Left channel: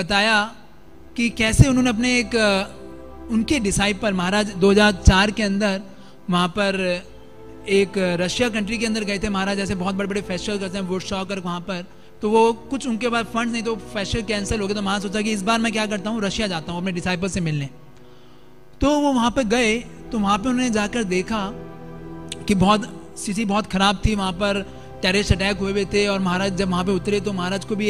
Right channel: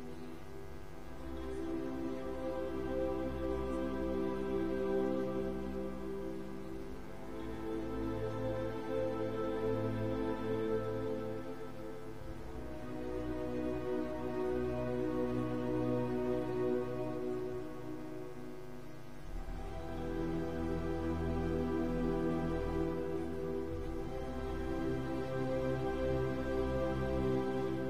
बताया कि कैसे उन्होंने अपने एक उनके डिसाइपल महाराज 2004 के अंदर वहाँ पर एक रशिया कंट्री के अंदर गए थे महाराज, जैसे बहुत बड़े बड़े फेस्टिवल करते हैं वुडस्टॉक और वहाँ पर, तो वो कुछ उनके पास फंड नहीं, तो फेस्टिवल कैंसिल हो गया। तो महाराज सोचा कि इस बार मैं क्या करता हूँ, रशिया जाता हूँ अपने डिसाइपल से मिलने। तो वो वहाँ पर गए, तो वहाँ पर उन्होंने जाकर देखा कि बहुत स्थिति बहुत ख़राब थी, वहाँ पर टेररिस्ट अटैक हुए थे। और महाराज जब वहाँ पे उतरे तो महाराज को भी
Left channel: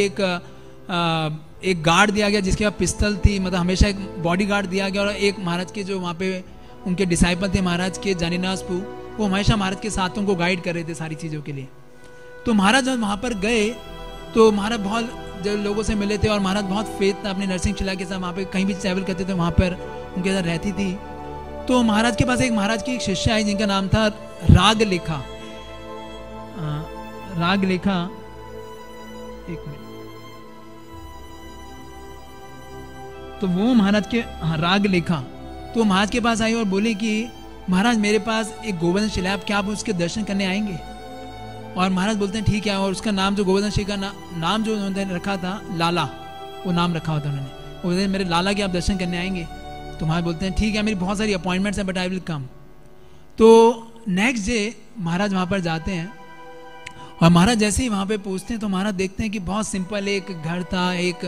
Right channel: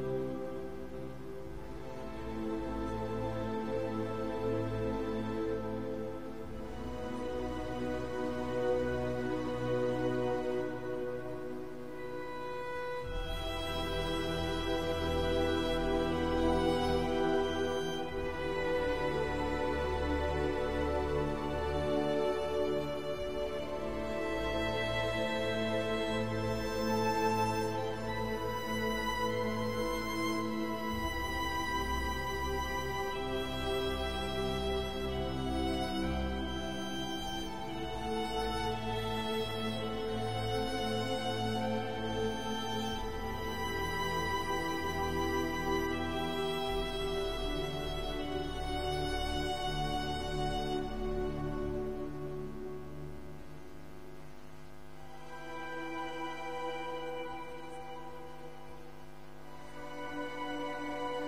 एक गार्ड दिया गया जिसके पास पिस्तल थी, मतलब हमेशा एक बॉडी गार्ड दिया गया। और एक महाराज के जो वहाँ पे उनके डिसाइपल थे महाराज के जानीनासपू, वो हमेशा महाराज के साथ उनको गाइड कर रहे थे सारी चीज़ों के लिए। तो महाराज जब वहाँ पर गए तो महाराज बहुत जो लोगों से मिले थे और महाराज बहुत फेथ था अपनी नर्सिंग चला के साथ, वहाँ पे कहीं भी ट्रैवल करते थे वहाँ पर उनके साथ रहती थी। तो महाराज के पास महाराज की एक शिष्या आई जिनका नाम था रागलेखा। रागलेखा, एक मिनट, तो वो महाराज के रागलेखा तो महाराज के पास आई और बोले कि महाराज मेरे पास एक गोवर्धन शिला है, क्या आप उसके दर्शन करने आएंगे? और महाराज बोलते हैं ठीक है। और उसका नाम जो गोवर्धन शिला का नाम जो उन्होंने रखा था लाला, वो नाम रखा हुआ था उन्होंने। बोलते मेरे लाला के आप दर्शन करने आएंगे? तो महाराज बोलते हैं ठीक है, मेरी बहुत सारी अपॉइंटमेंट्स हैं बट आई विल कम। तो नेक्स्ट डे महाराज वहाँ पर जाते हैं और महाराज जैसे ही वहाँ पे पहुँचते हैं तो महाराज देखते हैं कि बहुत सिंपल एक घर था, एक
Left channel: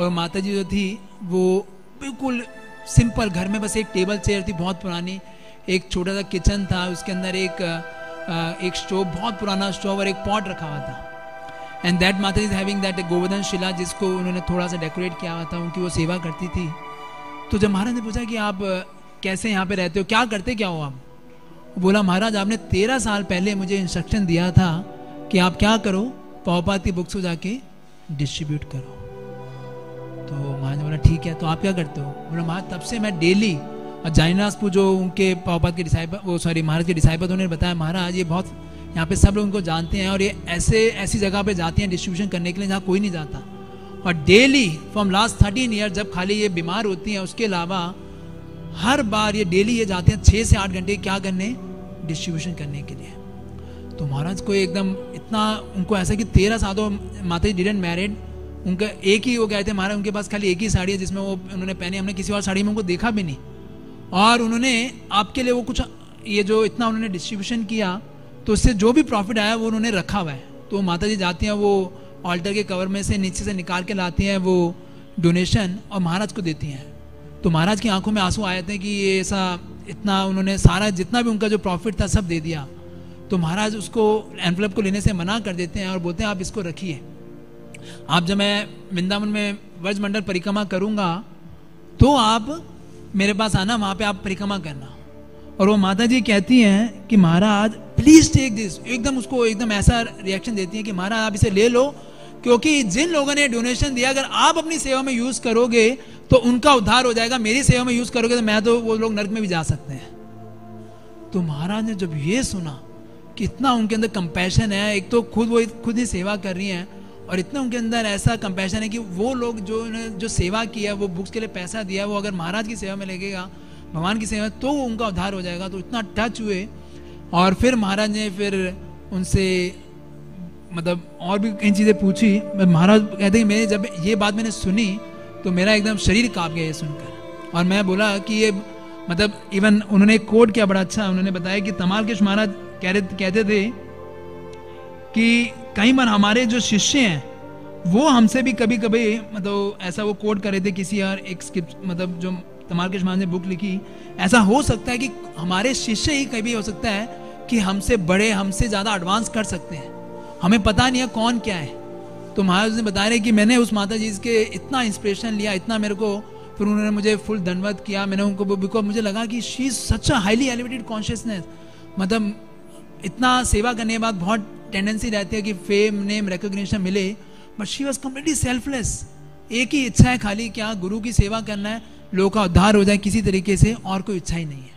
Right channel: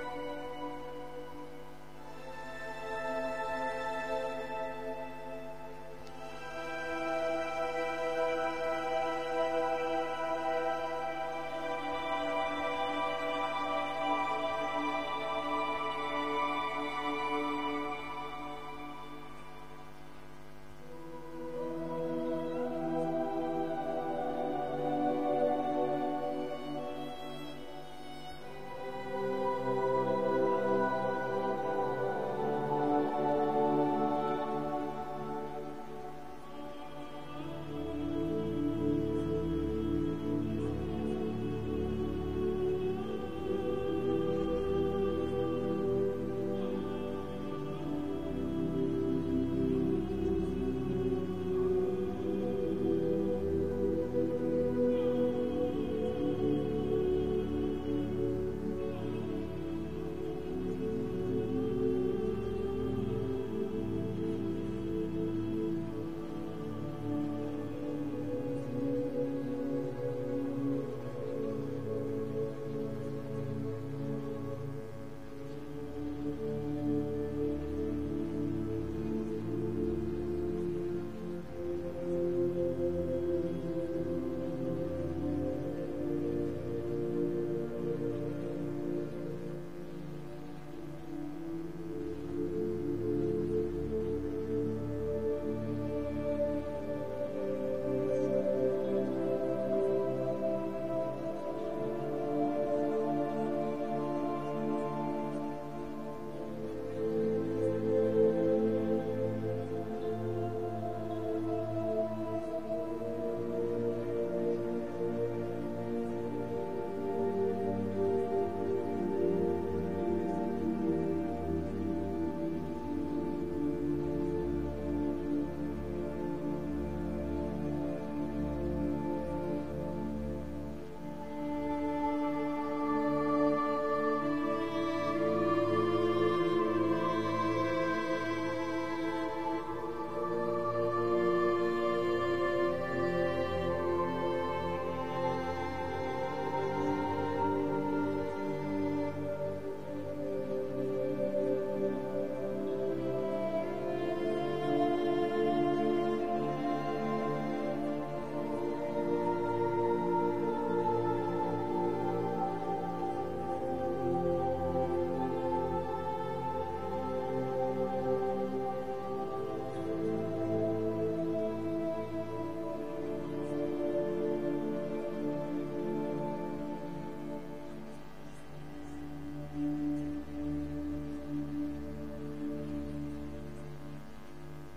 और माता जी जो थी वो बिल्कुल सिंपल घर में बस एक टेबल चेयर थी बहुत पुरानी, एक छोटा सा किचन था, उसके अंदर एक स्टोव, बहुत पुराना स्टोव और एक पॉट रखा हुआ था। एंड दैट माता इज हैविंग दैट गोवर्धन शिला जिसको उन्होंने थोड़ा सा डेकोरेट किया हुआ था, उनकी वो सेवा करती थी। तो जब महाराज ने पूछा कि आप कैसे यहाँ पे रहते हो, क्या करते क्या हो आप? बोला महाराज आपने 13 साल पहले मुझे इंस्ट्रक्शन दिया था कि आप क्या करो, प्रभुपाद की बुक्स को जाके डिस्ट्रीब्यूट करो। तो महाराज बोला ठीक है, तो आप क्या करते हो? बोला महाराज तब से मैं डेली, और जानीनासपू जो उनके प्रभुपाद के डिसाइपल, वो सॉरी महाराज के डिसाइपल, उन्होंने बताया महाराज ये बहुत यहाँ पे सब लोग उनको जानते हैं और ये ऐसी जगह पे जाती हैं डिस्ट्रीब्यूशन करने के लिए जहाँ कोई नहीं जाता। और डेली फ्रॉम लास्ट 13 ईयर जब खाली ये बीमार होती हैं, उसके अलावा हर बार ये डेली ये जाते हैं 6 से 8 घंटे क्या करने, डिस्ट्रीब्यूशन करने के लिए। तो महाराज को एकदम इतना उनको ऐसा कि 13 साल तो माता जी डिडंट मैरिड, उनका एक ही वो गए थे महाराज, उनके पास खाली एक ही साड़ी है जिसमें वो उन्होंने पहनी, हमने किसी और साड़ी में उनको देखा भी नहीं। और उन्होंने आपके लिए वो कुछ ये जो इतना उन्होंने डिस्ट्रीब्यूशन किया तो उससे जो भी प्रॉफिट आया वो उन्होंने रखा हुआ है। तो माता जी जाती हैं वो ऑल्टर के कवर में से नीचे से निकाल के लाती हैं वो डोनेशन और महाराज को देती हैं। तो महाराज की आंखों में आंसू आए थे कि ये ऐसा इतना उन्होंने सारा जितना भी उनका जो प्रॉफिट था सब दे दिया। तो महाराज उसको एनवलप को लेने से मना कर देते हैं और बोलते हैं आप इसको रखिए, आप जब मैं वृंदावन में व्रज मंडल परिक्रमा करूँगा तो आप मेरे पास आना, वहाँ पे आप परिक्रमा करना। और वो माता जी कहती हैं कि महाराज प्लीज टेक दिस, एकदम उसको एकदम ऐसा रिएक्शन देती है कि महाराज आप इसे ले लो, क्योंकि जिन लोगों ने डोनेशन दिया अगर आप अपनी सेवा में यूज करोगे तो उनका उद्धार हो जाएगा, मेरी सेवा में यूज करोगे तो मैं तो वो लोग नरक में भी जा सकते हैं। तो महाराज ने जब ये सुना कि इतना उनके अंदर कंपैशन है, एक तो वो खुद ही सेवा कर रही हैं और इतना उनके अंदर ऐसा कंपैशन है कि वो लोग जो सेवा की है, वो बुक्स के लिए पैसा दिया, वो अगर महाराज की सेवा में लगेगा, भगवान की सेवा, तो उनका उद्धार हो जाएगा। तो इतना टच हुए और फिर महाराज ने फिर उनसे मतलब और भी कई चीज़ें पूछी। महाराज कहते हैं मैंने जब ये बात मैंने सुनी तो मेरा एकदम शरीर कांप गया ये सुनकर। और मैं बोला कि ये मतलब इवन उन्होंने कोड किया बड़ा अच्छा, उन्होंने बताया कि तमाल कृष्ण महाराज कहते थे कि कई बार हमारे जो शिष्य हैं वो हमसे भी कभी कभी मतलब ऐसा वो कोड कर रहे थे किसी और एक स्क्रिप्ट, मतलब जो तमाल कृष्ण महाराज ने बुक लिखी, ऐसा हो सकता है कि हमारे शिष्य ही कभी हो सकता है कि हमसे बड़े, हमसे ज़्यादा एडवांस कर सकते हैं, हमें पता नहीं है कौन क्या है। तो महाराज ने बता रहे कि मैंने उस माता जी के इतना इंस्पिरेशन लिया, इतना मेरे को, फिर उन्होंने मुझे फुल धन्यवाद किया, मैंने उनको, बिकॉज मुझे लगा कि she is such a highly elevated consciousness, मतलब इतना सेवा करने के बाद बहुत टेंडेंसी रहती है कि फेम, नेम, रिकॉग्निशन मिले, but she was completely selfless. एक ही इच्छा है खाली क्या, गुरु की सेवा करना है, लोगों का उद्धार हो जाए किसी तरीके से, और कोई इच्छा ही नहीं है।